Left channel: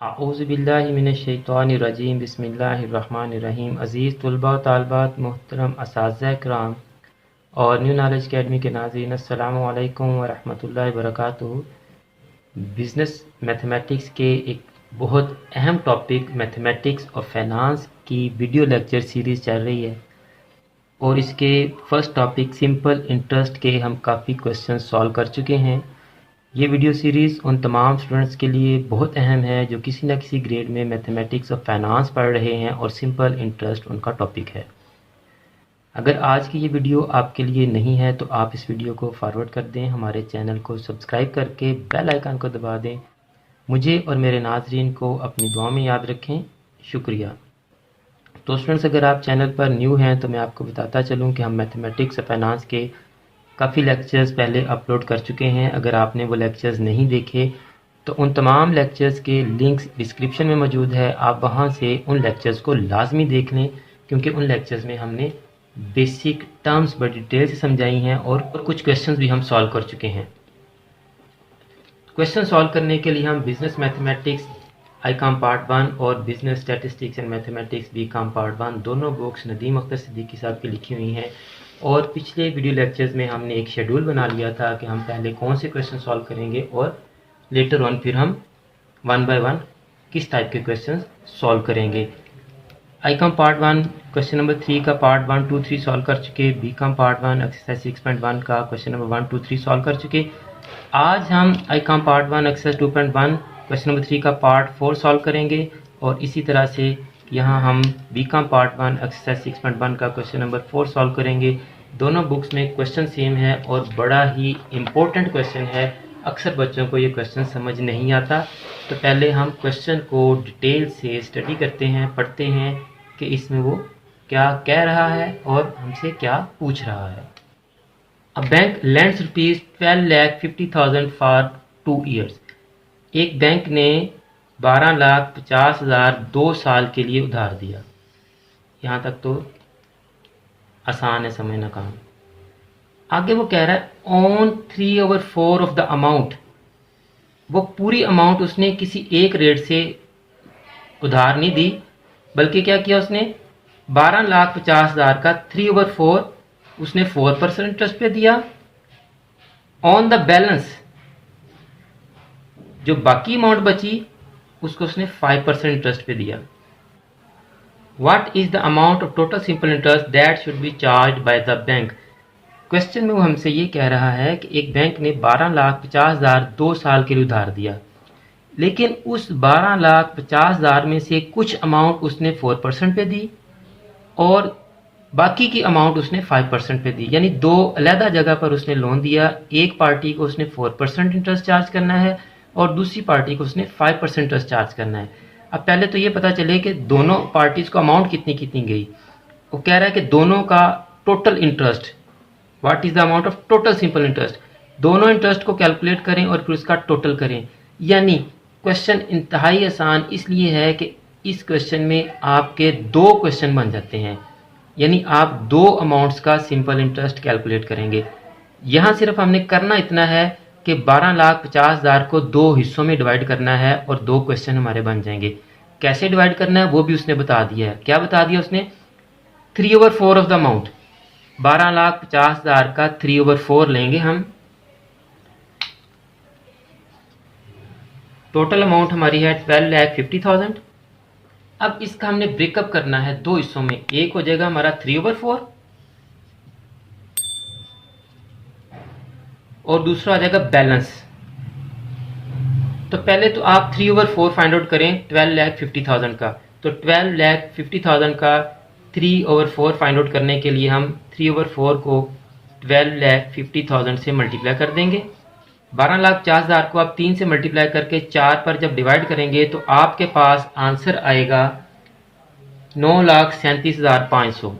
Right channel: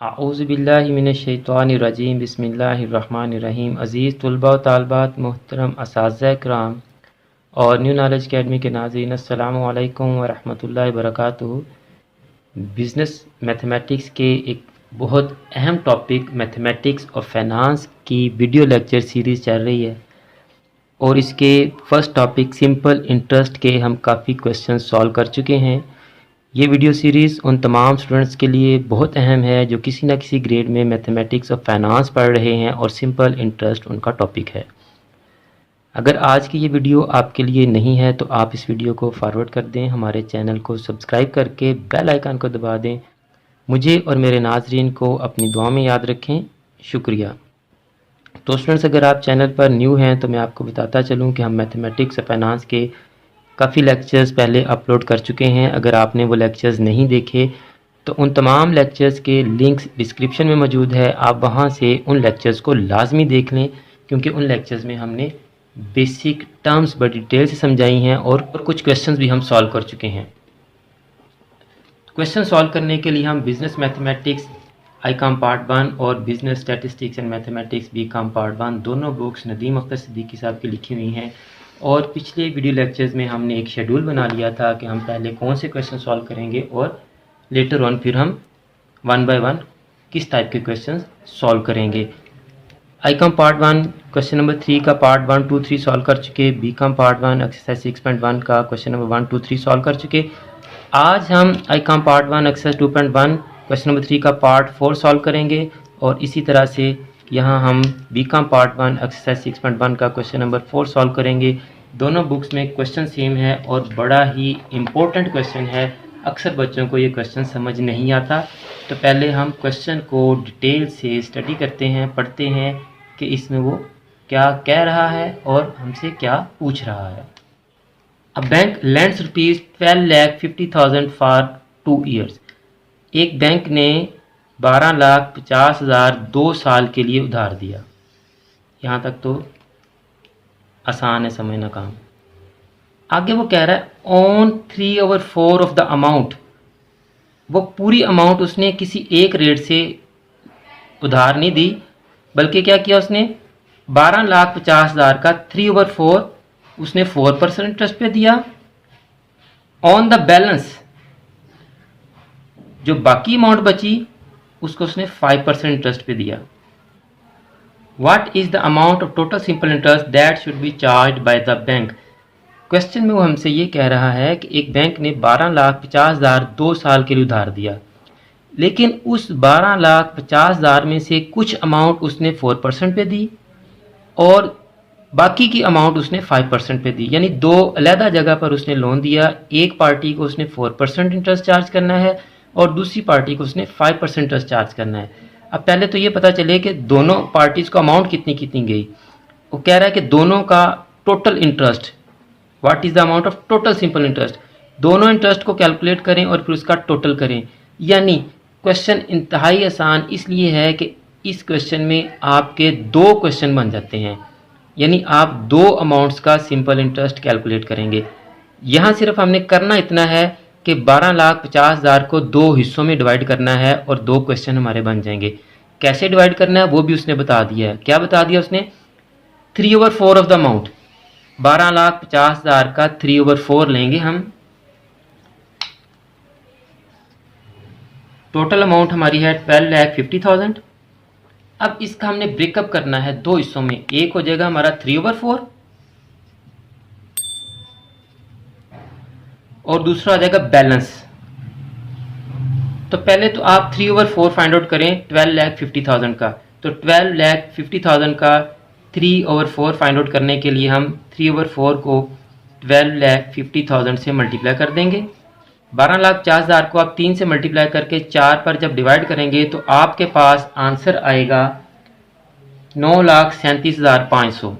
आऊज़ुबिल्लाहिमिनश्शैतानिर्रजीम बिस्मिल्लाहिर्रहमानिर्रहीम। अज़ीज़ तुलबा व तालबात, मोहतरम असातिज़ा किराम और न्यू नॉलेज अकेडमी के नाज़रीन, अस्सलामु अलैकुम व रहमतुल्लाहि व बरकातुहू। बिज़नेस मैथमेटिक्स के एक बहुत अहम टॉपिक मैथमेटिक्स और फाइनेंस की वीडियो लेक्चर सीरीज़ चल रही है और इसके फर्स्ट टॉपिक सिंपल इंटरेस्ट के हम काफ़ी क्वेश्चन सॉल्व कर चुके हैं। ये वीडियो सीरीज़ उन तमाम स्टूडेंट्स के लिए बहुत अहम है जो किसी न किसी ग्रेड में मैथमेटिक्स और फाइनेंस पढ़ रहे हैं और सिंपल इंटरेस्ट उनका टॉपिक है। अगर आज की ये वीडियो आपके लिए नहीं है तो आप इस वीडियो को फॉरवर्ड कर दें, हमारे चैनल को सब्सक्राइब करके बेल आइकन को दबा दें। मुझे और मेरे नाजरीन को अपनी दुआ में याद रखें। शुक्रिया। तो स्टूडेंट्स, अगर आप चैनल पर न्यू हैं तो मैं आपको बताता चलूँ कि हम मैथमेटिक्स और फाइनेंस के काफ़ी लेक्चर्स पहले अपलोड कर चुके हैं। अगर आपने वो लेक्चर्स नहीं देखे तो उन तमाम लेक्चर्स के लिंक्स डिस्क्रिप्शन में मौजूद है, आप वहाँ से उन लेक्चर्स को लाजमी देख लें, क्योंकि उन लेक्चर्स में हमने बेसिक टर्म्स बड़ी डिटेल से समझाई हैं और कुछ क्वेश्चंस भी हम सॉल्व कर चुके हैं। क्वेश्चन सॉल्व करने के लिए हम बिजनेस मैथमेटिक्स ICOM पार्ट 1 और business statistics and mathematics BCom part 1 दोनों बुक्स नदीम अख्तर सिद्दीकी साहब की लिखी हुई हैं। और पिछले वीडियो लेक्चर्स में हमने एक शेड्यूल बना लिया था कि हम पहले कौन से क्वेश्चन सॉल्व करेंगे और लेटर ऑन फिर हम वन बाय वन किस टाइप के क्वेश्चन सॉल्व करेंगे। ICOM पार्ट 1 क्वेश्चन नंबर 3 का पार्ट 1, 2, 3 सॉल्व कर चुके। BCom पार्ट 1 एक्सरसाइज 6.1 का क्वेश्चन नंबर 1, 2, 3 सॉल्व कर चुके। आज हम ICOM part 1 exercise 2.1 question number 3 का पार्ट 4 सॉल्व करेंगे और इसी तरह से यहाँ हम BCom पार्ट 1 एक्सरसाइज 6.1 का क्वेश्चन नंबर 4 सॉल्व करेंगे। दोनों बुक्स में क्वेश्चन सेम है और बड़ा ही इम्पोर्टेंट क्वेश्चन है। अक्सर बच्चों को ये क्वेश्चन समझ नहीं आता, तो पहले हम क्वेश्चन को डिटेल से स्टडी करते हैं, पढ़ते हैं कि इसमें वो क्या कह रहा है और हमसे क्या पूछ रहा है। A bank lends ₹12,50,000 for 2 years। एक बैंक ने 12,50,000 2 साल के लिए उधार दिया। यहाँ तक तो आसान है समझना काम। आगे वो कह रहा है ऑन 3/4 ऑफ द अमाउंट। वो पूरी अमाउंट उसने किसी एक रेट से उधार नहीं दी, बल्कि क्या किया उसने 12,50,000 का 3/4 उसने 4% इंटरेस्ट पे दिया। ऑन द बैलेंस जो बाकी अमाउंट बची उसको उसने 5% इंटरेस्ट पे दिया। What is the amount of total simple interest that should be charge by the bank. Question में वो हमसे ये कह रहा है कि एक बैंक ने 12,50,000 2 साल के लिए उधार दिया, लेकिन उस 12,50,000 में से कुछ अमाउंट उसने 4% पे दी और बाकी की अमाउंट उसने 5% पे दी। यानी दो अलहदा जगह पर उसने लोन दिया। एक पार्टी को उसने 4% इंटरेस्ट चार्ज करना है और दूसरी पार्टी को उसने 5% इंटरेस्ट चार्ज करना है। अब पहले तो ये पता चले कि दोनों पार्टीज को अमाउंट कितनी कितनी गई। वो कह रहा है कि दोनों का total interest, what is the amount of total simple interest. दोनों इंटरेस्ट को कैलकुलेट करें और फिर उसका टोटल करें। यानी क्वेश्चन इंतहाई आसान इसलिए है कि इस क्वेश्चन में आपके 2 क्वेश्चन बन जाते हैं, यानी आप 2 अमाउंट्स का सिंपल इंटरेस्ट कैलकुलेट करेंगे। यहाँ सिर्फ हमने करना इतना है कि 12,50,000 को 2 हिस्सों में डिवाइड करना है और 2 क्वेश्चन हमारे बन जाएंगे। कैसे डिवाइड करना है वो भी उसने बता दिया है। क्या बता दिया उसने? 3/4 ऑफ द अमाउंट। 12,50,000 का 3/4 लेंगे हम। टोटल अमाउंट हमारी है 12,50,000। अब इसका हमने ब्रेकअप करना है 2 हिस्सों में। एक हो जाएगा हमारा 3/4 और दूसरा हो जाएगा बैलेंस। तो पहले तो आप 3/4 फाइंड आउट करें 12,50,000 का। तो 12,50,000 का 3/4 फाइंड आउट करने के लिए हम 3/4 को 12,50,000 से मल्टीप्लाई कर देंगे। 12,50,000 को आप 3 से मल्टीप्लाई करके 4 पर जब डिवाइड करेंगे तो आपके पास आंसर आएगा 9,37,500।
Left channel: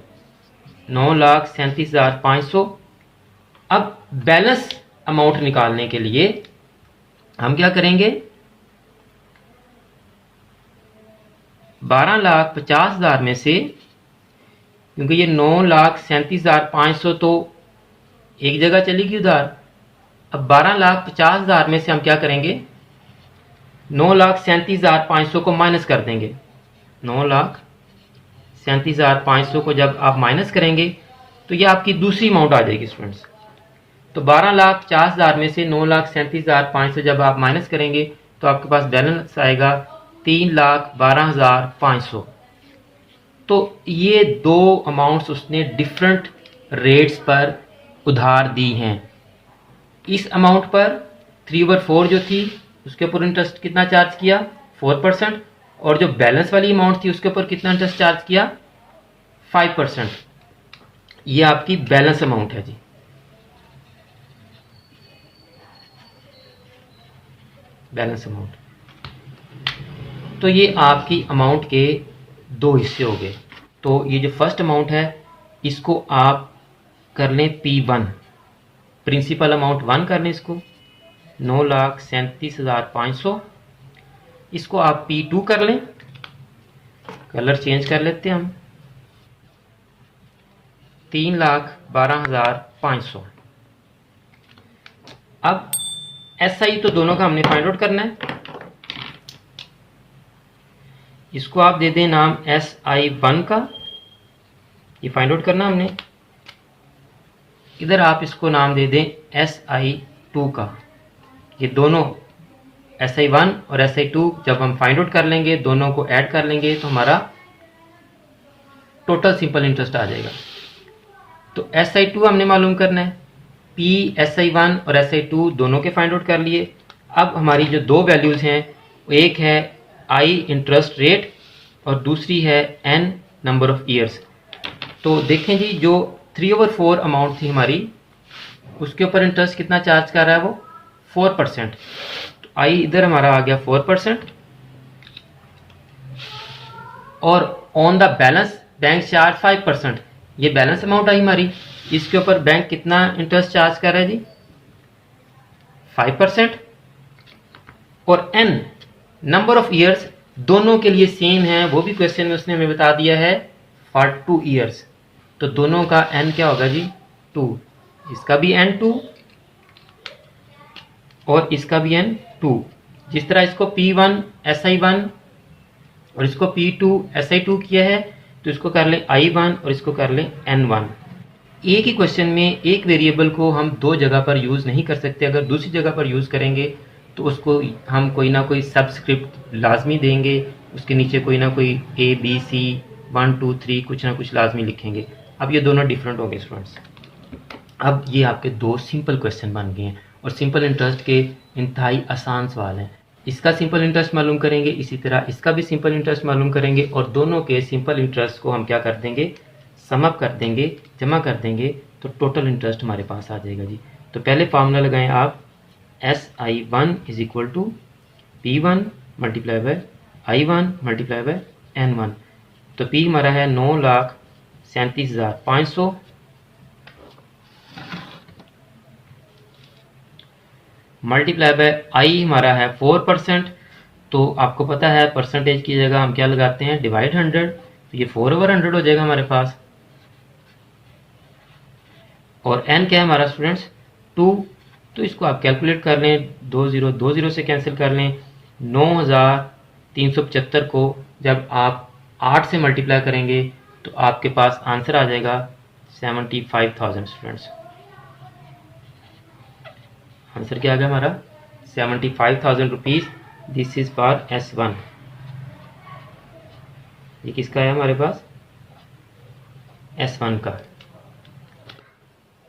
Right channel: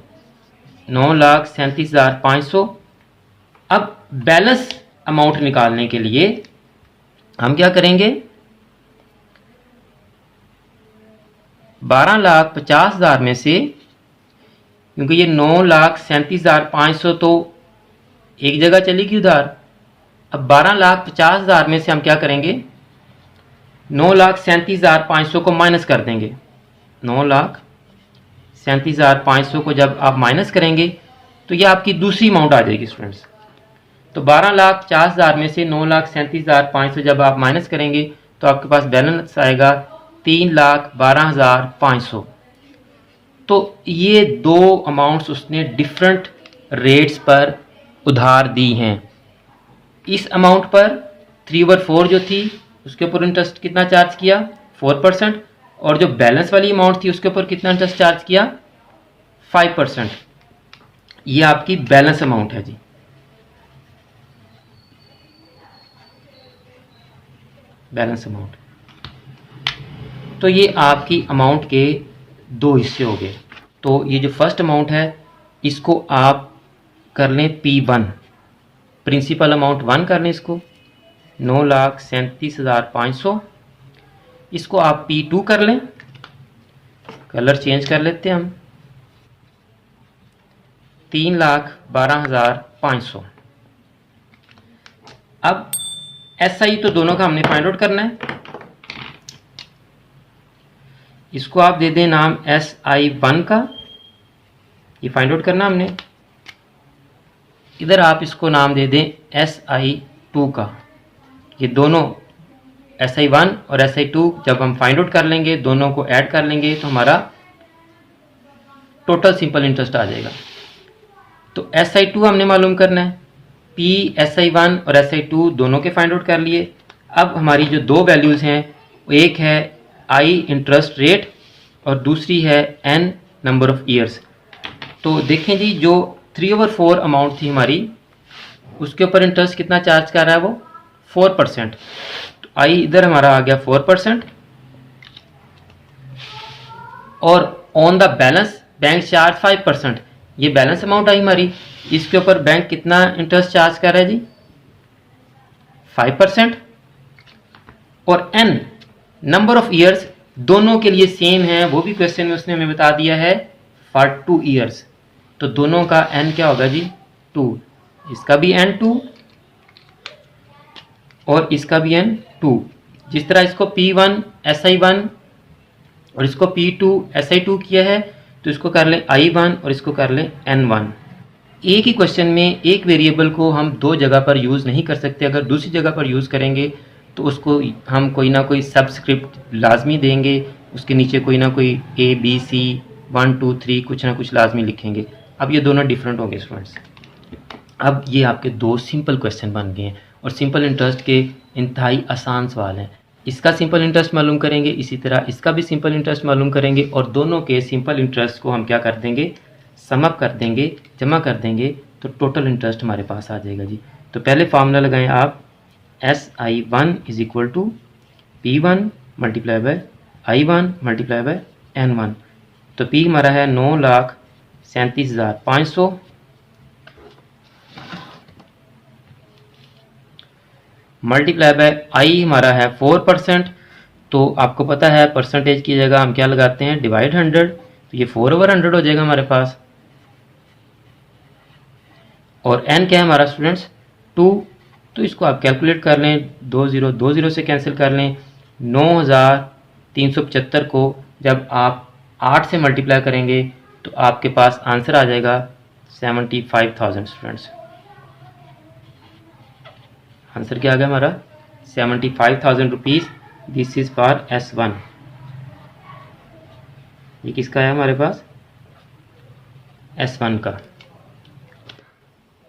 9,37,500। अब बैलेंस अमाउंट निकालने के लिए हम क्या करेंगे? 12,50,000 में से, क्योंकि ये 9,37,500 तो एक जगह चलेगी उधार, अब 12,50,000 में से हम क्या करेंगे? 9,37,500 को माइनस कर देंगे। 9,37,500 को जब आप माइनस करेंगे तो ये आपकी दूसरी अमाउंट आ जाएगी स्टूडेंट्स। तो 12,50,000 में से 9,37,500 जब आप माइनस करेंगे तो आपके पास बैलेंस आएगा 3,12,500। तो ये दो अमाउंट्स उसने डिफरेंट रेट्स पर उधार दी हैं। इस अमाउंट पर 3/4 जो थी उसके ऊपर इंटरेस्ट कितना चार्ज किया, 4%, और जो बैलेंस वाली अमाउंट थी उसके ऊपर कितना इंटरेस्ट चार्ज किया, 5%। ये आपकी बैलेंस अमाउंट है जी। Balance amount. तो ये आपकी अमाउंट के दो हिस्से हो गए। तो ये जो फर्स्ट अमाउंट है इसको आप कर लें P1, प्रिंसिपल अमाउंट 1 कर लें इसको, 9,37,500। इसको आप P2 कर लें, कलर चेंज कर लेते हैं हम, 3,12,500। अब SI तो दोनों का हमने फाइंड आउट करना है। इसको आप दे दें नाम SI1 का, ये फाइंड आउट करना हमने। इधर आप इसको नाम दे दें SI2 का। ये दोनों SI1 और SI2 जब हम फाइंड आउट कर लेंगे, दोनों को ऐड कर लेंगे तो हमारा टोटल सिंपल इंटरेस्ट आ जाएगा। तो SI2 हमने मालूम करना है। P SI1 और SI2 दोनों के फाइंड आउट कर लिए। अब हमारी जो दो वैल्यूज़ हैं, एक है I इंटरेस्ट रेट और दूसरी है N नंबर ऑफ ईयर्स। तो देखें जी, जो 3/4 अमाउंट थी हमारी, उसके ऊपर इंटरेस्ट कितना चार्ज कर रहा है, वो 4%। तो I इधर हमारा आ गया 4%, और on the balance bank charge 5%। ये बैलेंस अमाउंट आई हमारी, इसके ऊपर बैंक कितना इंटरेस्ट चार्ज कर रहा है जी, 5%। और N नंबर ऑफ ईयर्स दोनों के लिए सेम है, वो भी क्वेश्चन में उसने हमें बता दिया है, 42 ईयर्स। तो दोनों का N क्या होगा जी, 2। इसका भी N 2 और इसका भी N 2। जिस तरह इसको P1 SI1 और इसको P2 SI2 किया है, तो इसको कर लें I1 और इसको कर लें N1। एक ही क्वेश्चन में एक वेरिएबल को हम दो जगह पर यूज़ नहीं कर सकते। अगर दूसरी जगह पर यूज़ करेंगे तो उसको हम कोई ना कोई सबस्क्रिप्ट लाजमी देंगे, उसके नीचे कोई ना कोई ABC 1 2 3 कुछ ना कुछ लाजमी लिखेंगे। अब ये दोनों डिफरेंट हो गए स्टूडेंट्स। अब ये आपके दो सिंपल क्वेश्चन बन गए हैं और सिंपल इंटरेस्ट के इंतहाई आसान सवाल हैं। इसका सिंपल इंटरेस्ट मालूम करेंगे, इसी तरह इसका भी सिंपल इंटरेस्ट मालूम करेंगे, और दोनों के सिंपल इंटरेस्ट को हम क्या कर देंगे, सम अप कर देंगे, जमा कर देंगे, तो टोटल इंटरेस्ट हमारे पास आ जाएगा जी। तो पहले फार्मूला लगाएं आप, SI1 is equal to P1 multiply by I1 multiply by N1। तो P हमारा है 9,37,500 मल्टीप्लाई बाय I हमारा है 4%। तो आपको पता है परसेंटेज की जगह हम क्या लगाते हैं, डिवाइड 100। तो ये 4/100 हो जाएगा हमारे पास। और N क्या है हमारा स्टूडेंट्स, 2। तो इसको आप कैलकुलेट कर लें, 2 0 2 0 से कैंसिल कर लें। 9,375 को जब आप 8 से मल्टीप्लाई करेंगे तो आपके पास आंसर आ जाएगा 75,000 स्टूडेंट्स। आंसर क्या आ गया हमारा, 75,000 rupees. This is for S1। ये किसका है हमारे पास, S1 का।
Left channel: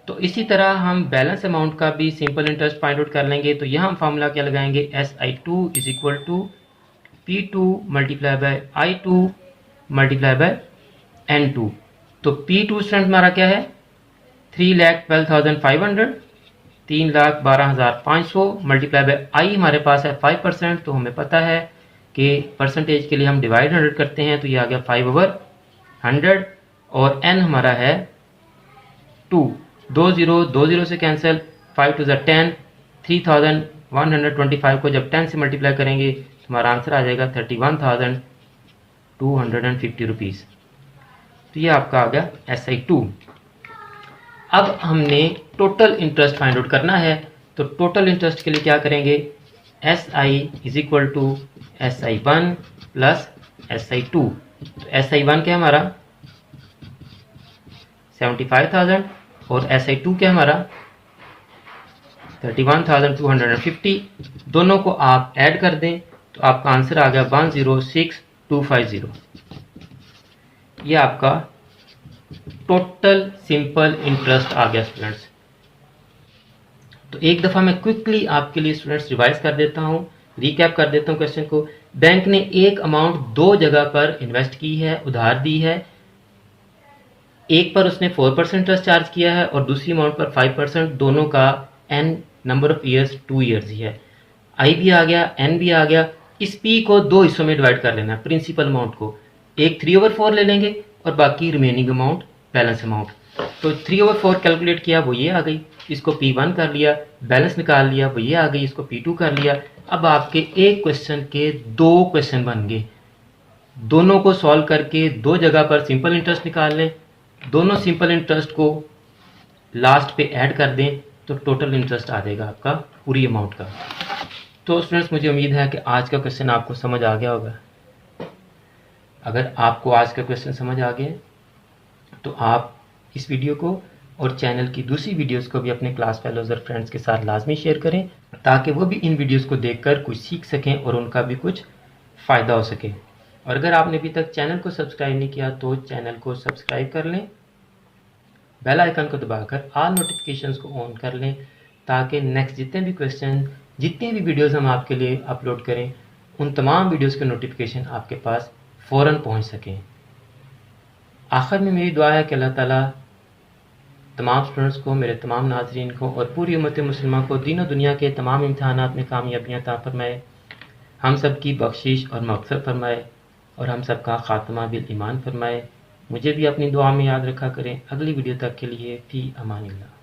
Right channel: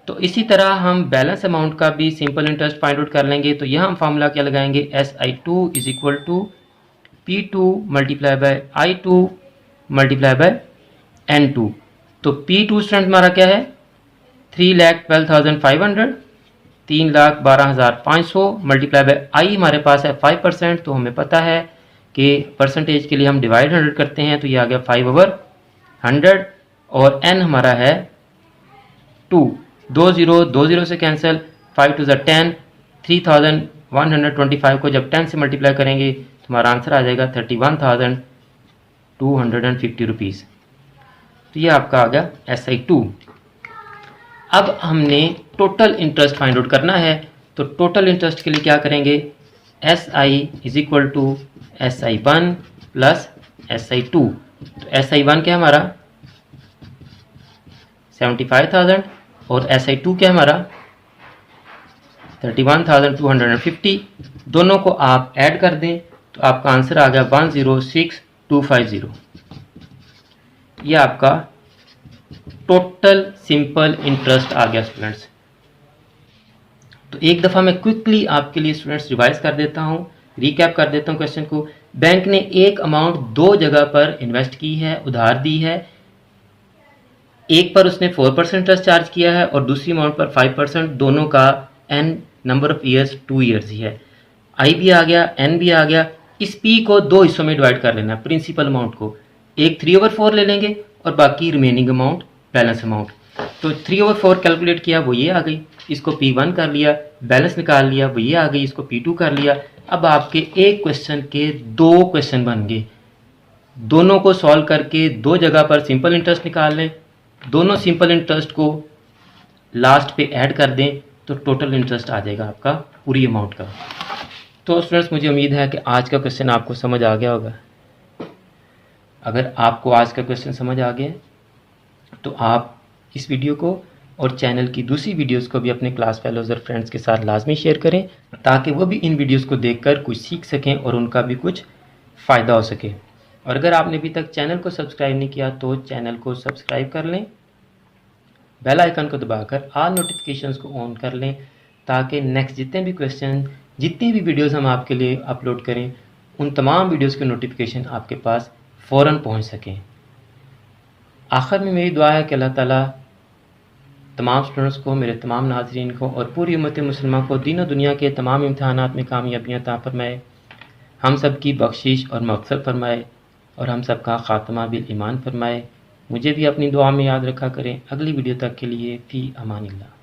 तो इसी तरह हम बैलेंस अमाउंट का भी सिंपल इंटरेस्ट फाइंड आउट कर लेंगे। तो यहाँ हम फार्मूला क्या लगाएंगे, SI2 is equal to P2 multiply by I2 multiply by N2। तो P2 स्टूडेंट हमारा क्या है, 3,12,500, 3,12,500 मल्टीप्लाई बाय I हमारे पास है 5%। तो हमें पता है कि परसेंटेज के लिए हम डिवाइड 100 करते हैं, तो ये आ गया 5/100। और N हमारा है 2। 2 0 2 0 से कैंसिल, 5 2 10, 3,125 को जब 10 से मल्टीप्लाई करेंगे तो हमारा आंसर आ जाएगा 31,250 रुपीज़। तो ये आपका आ गया SI2। अब हमने टोटल इंटरेस्ट फाइंड आउट करना है। तो टोटल इंटरेस्ट के लिए क्या करेंगे, SI is equal to SI1 plus SI2। तो SI1 क्या हमारा 75,000 और SI2 क्या हमारा 31,250। दोनों को आप ऐड कर दें तो आपका आंसर आ गया 106,250। ये आपका टोटल सिंपल इंटरेस्ट आ गया स्टूडेंट्स। तो एक दफ़ा मैं क्विकली आपके लिए स्टूडेंट्स रिवाइज कर देता हूँ, रिकैप कर देता हूँ क्वेश्चन को। बैंक ने एक अमाउंट दो जगह पर इन्वेस्ट की है, उधार दी है। एक पर उसने 4% इंटरेस्ट चार्ज किया है और दूसरी अमाउंट पर 5%। दोनों का n number of years 2 years ही है। आई भी आ गया, एन भी आ गया। इस पी को दो हिस्सों में डिवाइड कर लेना है, प्रिंसिपल अमाउंट को। एक 3/4 ले लेंगे और बाकी रिमेनिंग अमाउंट बैलेंस अमाउंट। तो 3/4 कैलकुलेट किया, वो ये आ गई। इसको P1 कर लिया, बैलेंस निकाल लिया, वो ये आ गई। इसको P2 कर लिया। अब आपके एक क्वेश्चन के दो क्वेश्चन बन गए। दोनों को सॉल्व करके दो जगह पर सिंपल इंटरेस्ट निकाल लें, दोनों सिंपल इंटरेस्ट को लास्ट पे ऐड कर दें तो टोटल इंटरेस्ट आ जाएगा आपका पूरी अमाउंट का। तो स्टूडेंट्स, मुझे उम्मीद है कि आज का क्वेश्चन आपको समझ आ गया होगा। अगर आपको आज का क्वेश्चन समझ आ गया तो आप इस वीडियो को और चैनल की दूसरी वीडियोस को भी अपने क्लास फेलोज और फ्रेंड्स के साथ लाजमी शेयर करें, ताकि वो भी इन वीडियोस को देखकर कुछ सीख सकें और उनका भी कुछ फ़ायदा हो सके। और अगर आपने अभी तक चैनल को सब्सक्राइब नहीं किया तो चैनल को सब्सक्राइब कर लें, बेल आइकन को दबाकर ऑल नोटिफिकेशंस को ऑन कर लें, ताकि नेक्स्ट जितने भी क्वेश्चन, जितनी भी वीडियोस हम आपके लिए अपलोड करें, उन तमाम वीडियोस के नोटिफिकेशन आपके पास फ़ौरन पहुंच सकें। आखिर में मेरी दुआ है कि अल्लाह ताला तमाम स्टूडेंट्स को, मेरे तमाम नाज़रीन को और पूरी उम्मत मुसलमान को दीन दुनिया के तमाम इम्तहानात में कामयाबियाँ अता फरमाए, हम सब की बख्शिश और मग़फ़िरत फरमाए और हम सब का ख़ात्मा बिल ईमान फरमाए। मुझे भी अपनी दुआ में याद रखा करें। अगली वीडियो तक के लिए फ़ी अमानिल्लाह।